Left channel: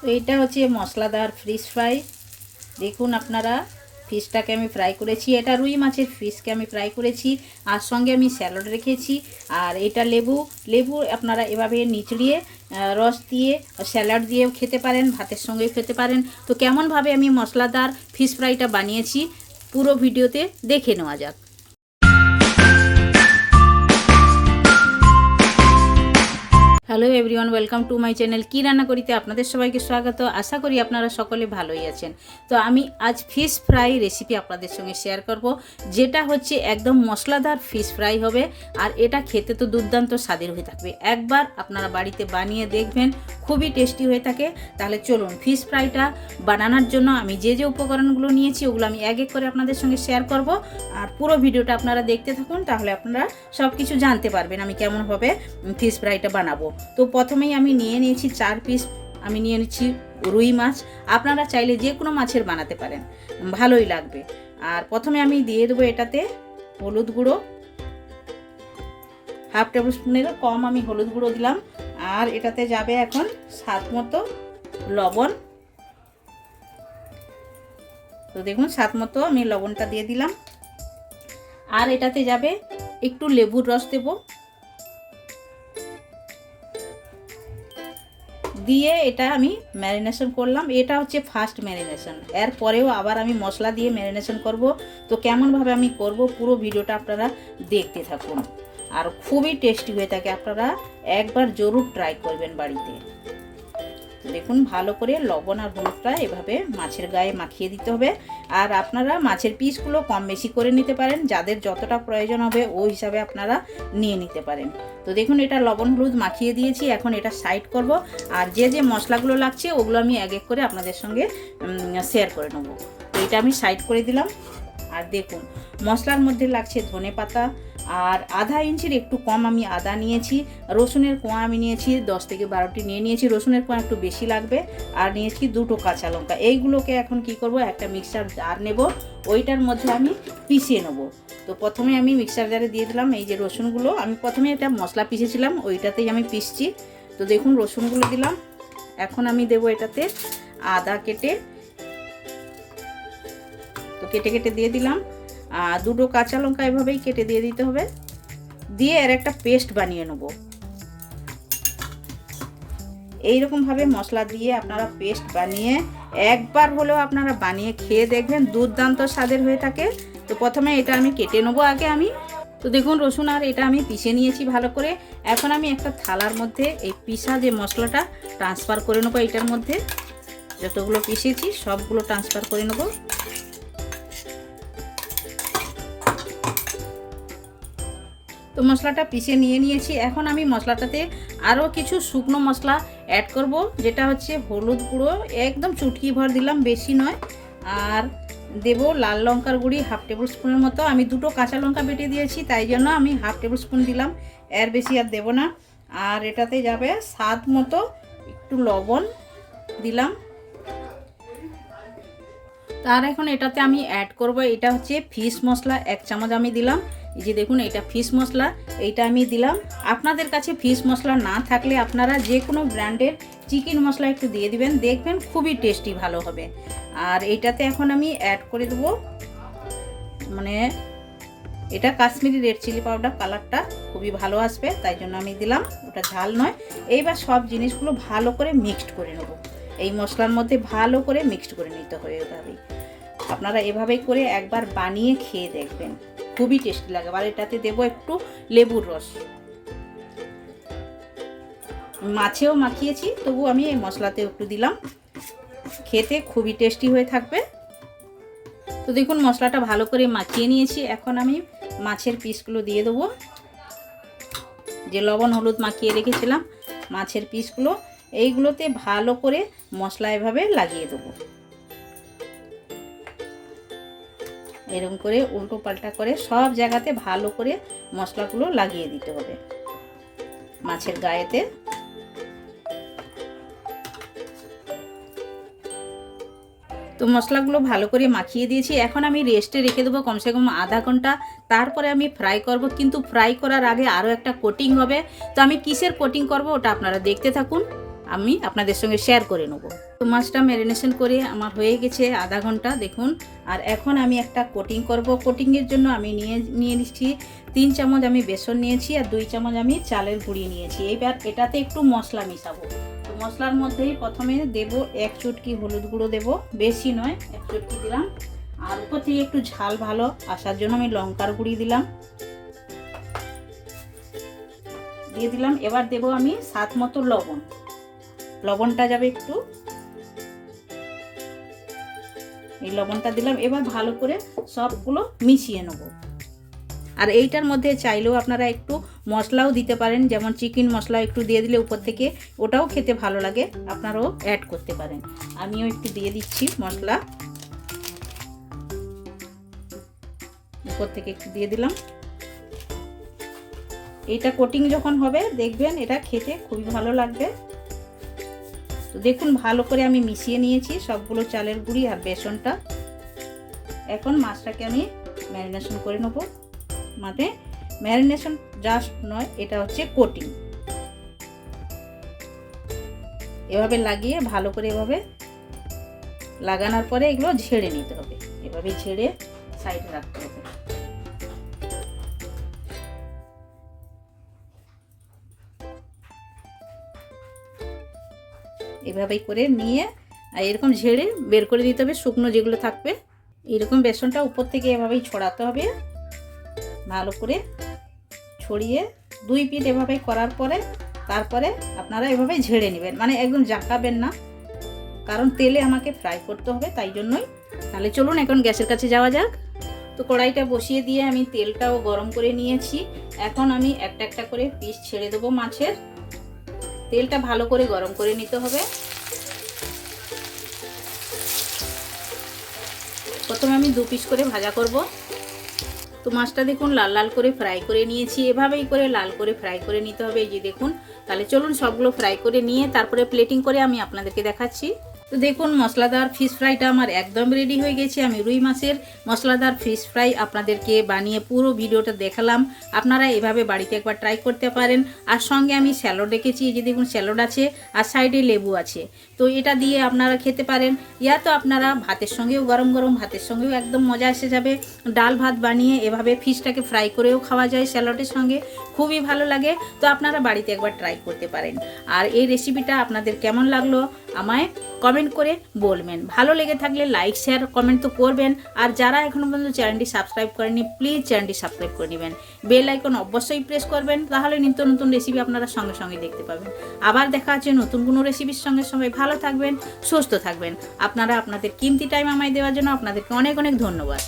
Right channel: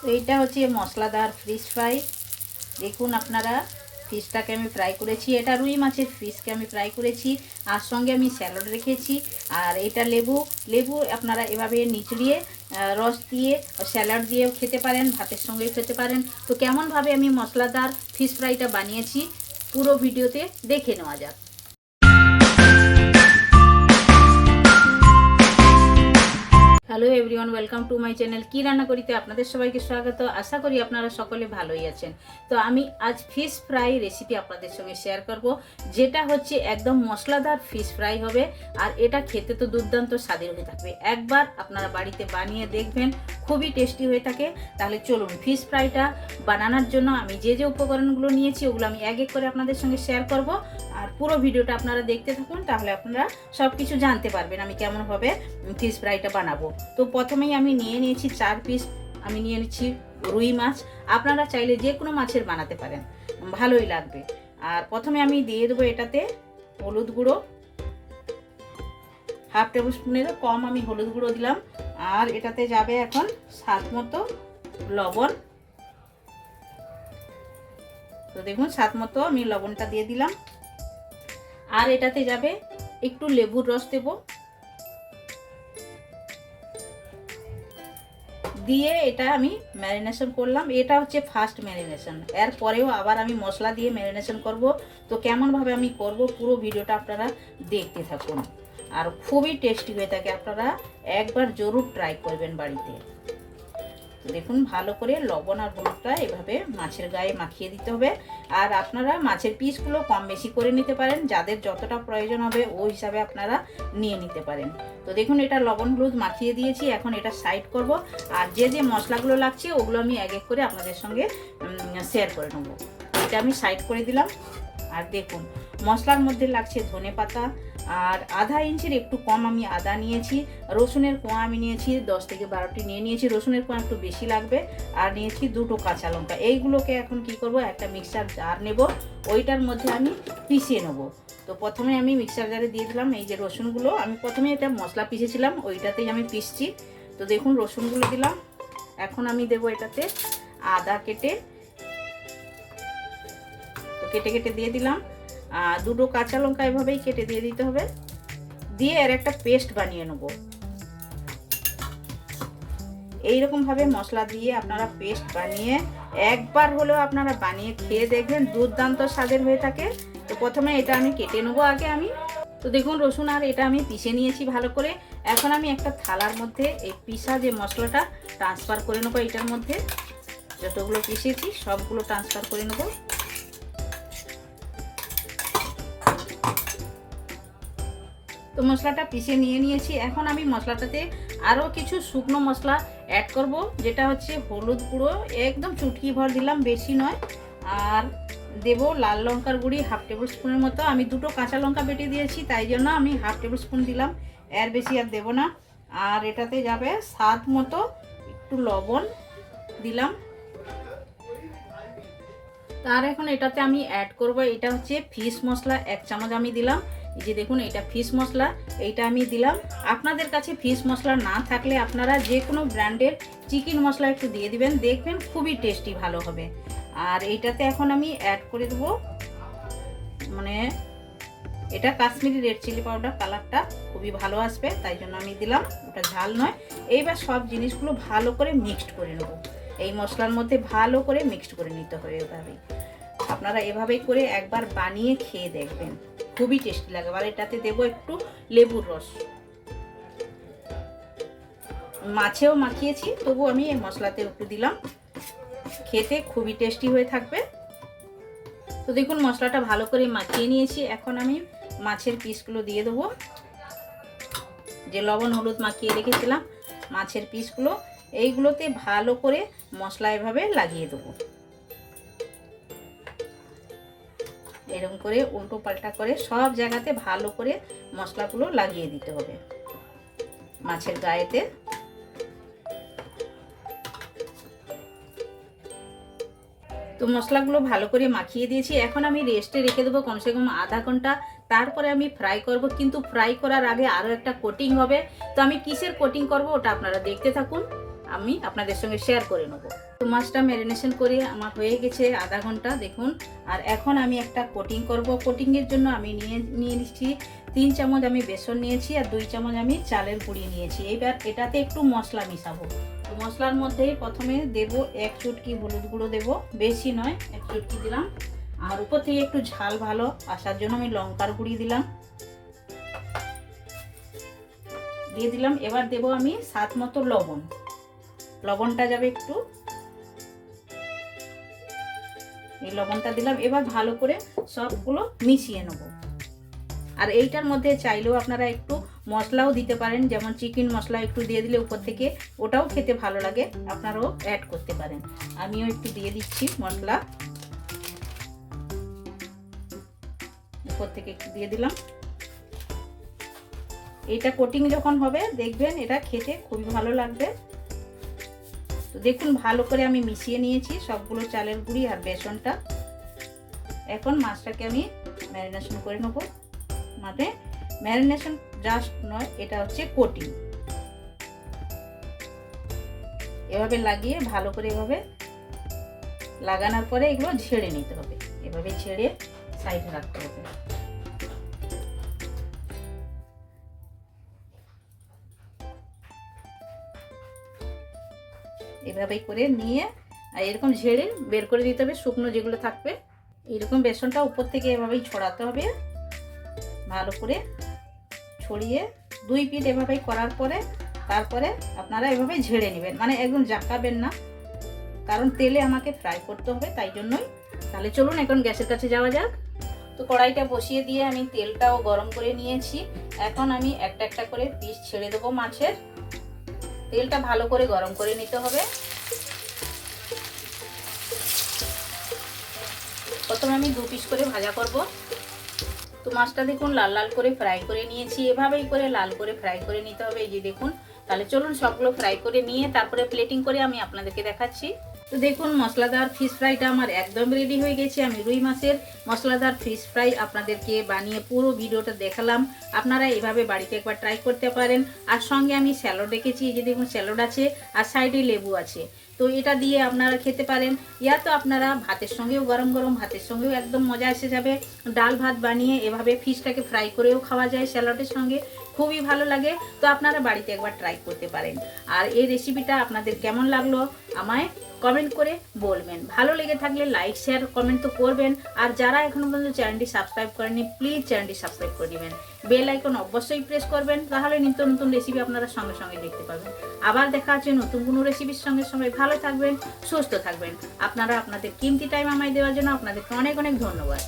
তো এইটা হচ্ছে মশলাদার ফিশ ফ্রাই দেখুন আপনারা ফিশটাকে আমি ফ্রাই করেছি। এটা রুই মাছের ফিশকে আমি ফ্রাই করেছি। আর সঙ্গে আমি স্যালাড রেখেছি। আর এটা লেবু। লেবু আপনারা এভাবে নিচড়িয়ে রস দিয়ে স্যালাড দিয়েও খেতে পারেন, ভাতের সঙ্গেও খেতে পারেন। তো কেমনভাবে আমি মশলাদার ফিশ ফ্রাইটা বানিয়েছি, পুরো ভিডিওতে দেখে নেওয়া যাক। Hello everyone welcome to my channel কী রান্না করিতে আপনাদের সবাইকে স্বাগত। আশা করি আপনারা সকলে ভালোই আছেন। তো আমি আজ ফিশ ফ্রাই রেসিপি আপনাদের সঙ্গে শেয়ার করব, যেটা হচ্ছে একদম মশলাদার ফিশ ফ্রাই হবে, আর এটা খেতে তো দুর্দান্ত স্বাদের হয়ে থাকবে। একবার আপনারা বাড়িতে বানিয়ে দেখবেন, খুবই টেস্টি হয়ে থাকে। তাহলে চলুন ফিশ ফ্রাইটা বানানোর জন্য আমি যে যে উপকরণগুলো নিয়েছি, ওগুলো আমি এক এক করে আপনাদের সঙ্গে শেয়ার করব। আর পুরো ভিডিওটা আপনারা দেখতে থাকুন, তাহলে আপনারা সব কিছু জানতে পারবেন আমি কেমনভাবে ফিশ ফ্রাইটা বানাবো। তো প্রথমেই আমি নিয়ে নিয়েছি চার পিস আমি নিয়ে নিচ্ছি রুই মাছ। আপনারা চাইলে যে কোনো মাছের বানাতে পারেন, ভালোই লাগবে। আর প্রথমে আমি দিয়ে দেবো এটাতে হলুদ গুঁড়ো। হাফ টেবিল স্পুনেরও কম আমি হলুদ গুঁড়ো দিলাম। আর এটাতে যাবে এখন স্বাদ মতো লবণ। তো দেখুন, স্বাদ মতো আমি লবণটা দিয়ে দিলাম। আর এটাতে যাবে একটু লেবুর রস দেব। দিয়ে এটা আমি ম্যারিনেশন করলাম। এটা হচ্ছে ফার্স্ট ম্যারিনেশন এর পরেও আবার আমি মশলা দিয়ে ম্যারিনেশন করব। তো কেমনভাবে আমি করব পুরো ভিডিওটা আপনারা দেখতে থাকুন। আর খুবই টেস্টি হয়ে থাকে। আপনারা একবার জরুর ট্রাই করবেন বাড়িতে। দেখুন, ভালো করে লবণ আর হলুদটা এভাবে মাছের গায়ে মাখিয়ে দিতে হবে। আর আপনারা মাছের পিসগুলো কম বেশি করে নিতে পারেন, যাদের যতটা প্রয়োজন হবে ওই হিসাবে আপনারা নিয়ে নিতে পারেন। তো দেখুন, এটা লবণ হলুদ মাখিয়ে দিয়েছি, এখন এটা সাইড করব। আর যে যে মশলাগুলো লাগছে, ওগুলো আমি এক এক করে আপনাদের সঙ্গে শেয়ার করে নেব। এটা আমি সাইড করে দিলাম। আর দেখুন মশলার মধ্যে লাগছে ধনে পাতা, আর আধা ইঞ্চির একটু কম আমি আদা নিয়েছি, রসুনের কোয়া আমি নিয়েছি, দশ থেকে বারোটি নিয়ে নিয়েছি, রসুনের কোয়া একটু বেশি লাগবে, আর নিয়েছি দুটো কাঁচা লঙ্কা। এইগুলোকে এখন কি করব, একটা মিক্সার জার নেব, ওইটার মধ্যে আমি পিষিয়ে নেব। তো প্রথমে আমি মিক্সার জারে দিয়ে দিলাম এই যে রসুনগুলো, আমি প্রথমে এটা মশলা পিষেছিলাম, ওইটাতেই আমি পিসছি তো দেখুন রসুনগুলো দিলাম, এখন আমি দেব এটাতে আদা কেটে, তো কেটে কেটে দিয়ে দিলাম। দুটো কাঁচা লঙ্কা এভাবেই কেটে দিয়ে দিতে হবে। দিয়ে এর একটা পেস্ট বানিয়ে নেব। এইরকমভাবে মশলা দিয়ে আপনারা পেস্ট বানিয়ে একবার হলেও আপনারা বানিয়ে খেয়ে দেখবেন, দুর্দান্ত স্বাদের হয়ে থাকে। তো প্রথমে এটা আমি কেটে নেব আগে আমি। তো দেখুন, রসুন আর এটা আমি পিষে নিয়েছি ভালো করে। এখন আমি একটা থালার মধ্যে এই পিসা যে মশলাটা ট্রান্সফার করে নেব এটার মধ্যে। যতগুলো পিষেছি, সবগুলো ট্রান্সফার করে নেব। তো মশলাটা পিষে নিয়ে নিয়েছি। এখন আমি মশলাটাতে আরও কিছু শুকনো মশলা অ্যাড করব, যেটা হচ্ছে হলুদ গুঁড়ো। একদম চুটকি ভর দিলাম, বেশি নয়। আর দেব লাল লঙ্কার গুঁড়ি হাফ টেবিল স্পুনের মতো। আমি দুটো কাঁচা লঙ্কা বেটে দিয়েছি, তাই জন্য আমি হাফ টেবিল স্পুন দিলাম। এর বেশি আর দেব না। আর এটাতে যাবে স্বাদ মতো একটু লবণ দিলাম। তার এখন এটাতে আমি অ্যাড করব, এটা হচ্ছে ফিশ মশলা, এক চামচ আমি দিলাম। এই যে দেখুন এটা ফিশ মশলা, এইটা আমি দিলাম। আপনাদের কাছে ফিশ মশলা না থাকলে আপনারা যে কোনো ব্র্যান্ডের চিকেন মশলা একটু দিয়ে দিবেন, দেখবেন খুবই টেস্টি ভালো হবে। আর এইটাতে এখন আমি অ্যাড করে দেবো মানে এটা কাশ্মীরি রেড চিলি পাউডার কালারটা খুবই ভালো আসবে, তাই জন্য আমি দিলাম, ওটা ঝাল নয়। এইবার সব জিনিসগুলো ভালো করে মিক্সড করে নেব। এই মশলার মধ্যে ভালো করে মিক্সড করে নিতে হবে এভাবেই। আপনারা এভাবেই করে একবার বানিয়ে খেয়ে দেখবেন। খুবই টেস্টি লাগে। আর এটাতে দেবো একটু লেবুর রস। মাছেও মাখিয়েছি, তবু আমি এই মশলাতে একটু দিলাম। খেতে খুবই টেস্টি হয়ে থাকবে। তো দেখুন, মশলাটা ভালো করে মাখিয়ে নিয়েছি। এখন আমি মাছের পিসগুলো দিয়ে দেবো। যে লবণ, হলুদ মাখিয়ে রেখেছিলাম, মাছের পিসগুলো এইগুলোতে ভালো করে মশলা এভাবে লাগিয়ে দেবো। এরকম করে উল্টো পাল্টা করে সব জায়গাতে ভালো করে মশলাগুলো লাগিয়ে দিতে হবে। মাছের গায়েতে। তো মশলাগুলো ভালো করে মাখিয়ে দিয়েছি। এখন আমি রেস্টে রেখে দেবো কমসে কম আধা ঘণ্টা। তারপরে আমি ফ্রাই করব। কিন্তু ফ্রাই করার আগে আরও একটা কোটিং হবে। তো আমি কিসের কোটিং করব ওটা আপনারা দেখতে থাকুন। আমি আপনাদের সঙ্গে শেয়ার করে নেব। তো মাছটা ম্যারিনেশন করে আমার হয়ে গেছে আধা ঘণ্টা, দেখুন। আর এখন আমি একটা কোটিং করব। কোটিংয়ের জন্য আমি নিয়ে নিয়ে নিচ্ছি। তিন চামচ আমি বেসন নিয়েছি আর দুই চামচ আমি চালের গুঁড়ি নিয়েছি। এইবার এটাতে একটু মশলা মিশাবো। তো মশলার মধ্যে প্রথমে দেব এক চুটকি হলুদ গুঁড়ো দেব। বেশি নয়, এক চুটকি দিলাম। আর উপর থেকে একটু ঝাল ভালো আসার জন্য আমি লঙ্কার গুঁড়ি দিলাম। দিয়ে দিলাম। এবার দেব আমি সাত মতো লবণ। লবণটা যাবে একটু। এই লবণটা দিলাম, এবার ভালো করে সবগুলো মিশিয়ে নেব। আর এইটার মধ্যে চাইলেও আপনারা একটু মশলাও দিতে পারেন, যেমন চিকেন মশলা একটু দিয়ে দিলে উপর থেকে ওটাও খেতে ভালো লাগে, আপনারাও অ্যাড করতে পারেন। আমিও একটু দিয়ে দিচ্ছি মশলা। উপর থেকে একটু দিয়ে দিলাম। এটা কোটিং যখন হবে, দেখবেন এটা খেতে খুবই ভালো লাগবে। তো দেখুন, ভালো করে আমি মিশিয়ে নিয়েছি সবগুলো চালের গুঁড়ি আর বেসনটা। এখন মাছটাকে আমি ম্যারিনেশন করে নেব। মানে ম্যারিনেশন জাস্ট নয়, এটা হচ্ছে কোটিং। এভাবে লাগিয়ে, ভালো করে এভাবে লাগানোর পরে এগুলো ঝেড়ে নিতে হবে। এভাবে ঝেড়ে সাইড রাখতে হবে। এভাবেই করে নিয়ে, আর এরকম ঝেড়ে বের করে দিতে হবে, শুকনো যেগুলো থাকবে। এরকম বেসনটা উপর থেকে এভাবেই ছড়াতে হবে। ভালো করে ছড়িয়ে দুই পিঠ এভাবেই করার পরে, তারপরে আপনারা এভাবে ঝেড়ে নেবেন। মানে একদম জাকাবেন না, কারণ তেলে আমাকে ফ্রাই করতে হবে, তাই জন্যই। তাহলে চলুন, এখন গ্যাসের কাছে যাওয়া যাক। তো কড়াইটা বসিয়ে দিয়ে আমি তেলটাও গরম করে নিয়েছি। এখন আমি একটা একটা করে পিস ছেড়ে দেবো মাছের। তেলটা ভালো করে গরম করে নিতে হবে। প্রথমে আমি দু পিস করে ভাজা করব। তো মাছটা দেখুন লাল লাল করে ফ্রাই করে নিয়েছি। এভাবেই করে লাল করে ফ্রাই করে নিতে হবে। এই যে দেখুন, তাহলে চলুন সবগুলো ফ্রাই করে নিয়ে তারপরে প্লেটিং করে আমি আপনাদেরকে দেখাচ্ছি। তো দেখুন, মশলাদার ফিশ ফ্রাইটা আমার একদম রেডি হয়ে গেছে। আমি রুই মাছের মশলাদার ফিশ ফ্রাই আপনাদেরকে বানিয়ে পুরো ভিডিওটা দেখালাম। আপনারা এভাবে বাড়িতে একবার ট্রাই করতে পারেন। আর সঙ্গে আমি স্যালোড রেখেছি এই যে দেখুন স্যালোড আছে, আর সাইডে লেবু আছে। তো এটা দিয়ে আপনারা খেতে পারেন। ইয়া তো আপনারা ভাতের সঙ্গেও, গরম গরম ভাতের সঙ্গেও একদম মজা এসে যাবে। ডাল ভাত বানিয়ে এভাবে ফিশটাকে ফ্রাই করেও খাওয়া যায় স্যালাডের সঙ্গে। খুবই ভালো লাগে। তো আপনারা বাড়িতে একবার ট্রাই করতে পারেন। আর এই রেসিপিটা আপনাদের কেমন লাগল আমায় কমেন্ট করে বলবেন। ভালো লেগে থাকলে লাইক শেয়ার কমেন্ট তো করবেন। আর যারা এখনও পর্যন্ত চ্যানেলটি সাবস্ক্রাইব করেনি প্লিজ চ্যানেলটি সাবস্ক্রাইব করে নেবেন বেল আইকন অবশ্যই প্রেস করবেন, তাহলে নিত্য নতুন রেসিপি আপনারা সঙ্গে সঙ্গে দেখতে পাবেন। আবার দেখা আছে নতুন কোনো রেসিপির সঙ্গে। সবাই ভালো থাকবেন, সুস্থ থাকবেন। আপনারা আপনাদের কিমতি টাইম আমায় দেওয়ার জন্য আপনাদেরকে অনেক অনেক ধন্যবাদ।